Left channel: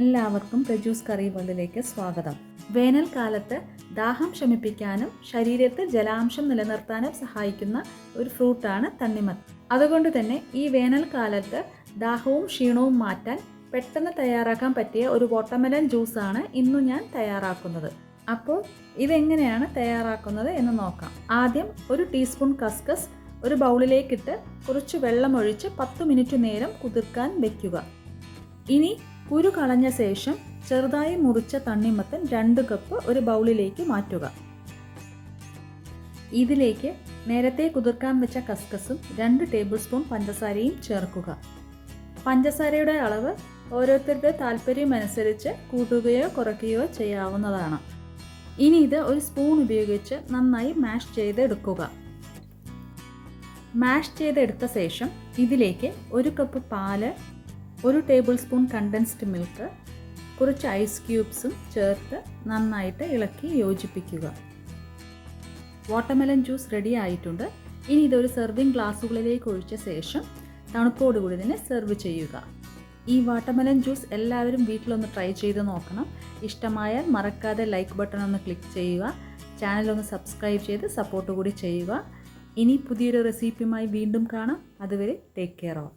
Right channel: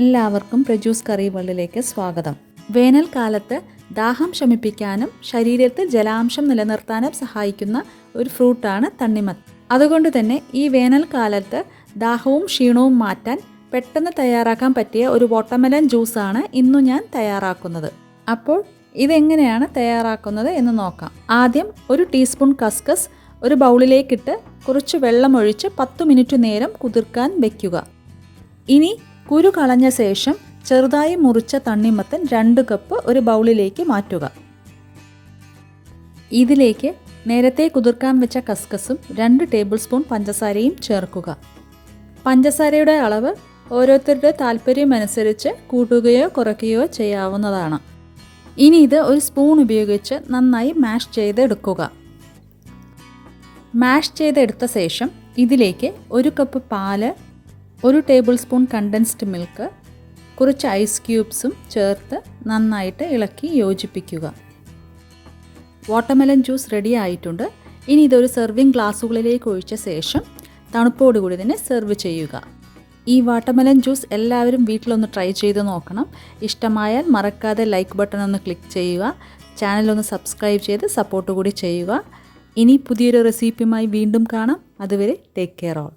എല്ലാവർക്കും പ്രജൂസ് കറി വേൾഡിലേക്ക് സ്വാഗതം. വേനൽക്കാലത്ത് ദാഹം ശമിപ്പിക്കാനും ശരീരത്തിൽ ജലാംശം നിലനിർത്താനും സഹായിക്കുന്ന ഒരു ഫ്രൂട്ടാണ് തണ്ണിമത്തൻ. അതുകൊണ്ട് തന്നെ ഈ വേനൽക്കാലത്ത് ദാഹവും ക്ഷീണവും മാറ്റാൻ പെട്ടെന്ന് തയ്യാറാക്കാൻ പറ്റിയ ഒരു വാട്ടർമെലൺ ജ്യൂസാണ് ഇന്നു ഞാൻ തയ്യാറാക്കുന്നത്. അപ്പോൾ ഇതെങ്ങനെയാണ് തയ്യാറാക്കുന്നത് എന്ന് നോക്കാം. ആദ്യം ഒരു ടീസ്പൂൺ കസ്കസ് ഒരു ബൗളിലേക്കിട്ട് കുറച്ച് വെള്ളമൊഴിച്ച് 10 മിനിറ്റ് നേരം കുതിർക്കാൻ വയ്ക്കുക. ഇനി കുരു കളഞ്ഞ ശേഷം ചെറുതായി മുറിച്ച തണ്ണിമത്തൻ 2 കപ്പ് ഒരു ബൗളിലേക്ക് മാറ്റുക. ഇതിലേക്ക് നേരത്തെ കുതിർക്കാൻ വെച്ച കസ്കസും 2 ടേബിൾ സ്പൂൺ പഞ്ചസാരയും ചേർക്കുക. പഞ്ചസാരയുടെ അളവ് ഓരോരുത്തരുടെ താല്പര്യമനുസരിച്ച് കൂട്ടുകയോ കുറയ്ക്കുകയോ ചെയ്യാവുന്നതാണ്. ഇനി ഇത് ഒരു സ്പൂൺ ഉപയോഗിച്ച് നന്നായി മാഷ് ചെയ്തെടുക്കുക. മാഷ് ചെയ്തെടുത്ത ശേഷം ഇതിലേക്ക് 1 കപ്പ് പാല്, 1 ടേബിൾ സ്പൂൺ കണ്ടൻസ്ഡ് മിൽക്ക്, കുറച്ച് ഐസ് ക്യൂബ്സും ചേർത്ത് നന്നായിട്ട് ഇളക്കി യോജിപ്പിക്കുക. വാട്ടർമെലൺ ജ്യൂസ് റെഡി ആയിട്ടുണ്ട്. ഇനി ഇതൊരു സെർവിങ് ഗ്ലാസ്സുകളിലേക്ക് ഒഴിച്ച ശേഷം തണുപ്പോടുകൂടി തന്നെ സെർവ് ചെയ്യുക. ഈ വാട്ടർമെലൺ ജ്യൂസ് എല്ലാവരും വീട്ടിലൊന്ന് ട്രൈ ചെയ്ത് നോക്കണം. ഇഷ്ടമായാൽ മറക്കാതെ ലൈക്ക് ബട്ടൺ ഒന്ന് ക്ലിക്ക് ചെയ്യുക. ചാനലൊന്ന് സബ്സ്ക്രൈബ് ചെയ്ത് സപ്പോർട്ട് കൂടി ചെയ്യുക. ഇനി പുതിയൊരു റെസിപ്പിയുമായി വീണ്ടും കാണാം. അതുവരെ ടേക്ക് കെയർ ഓൾ.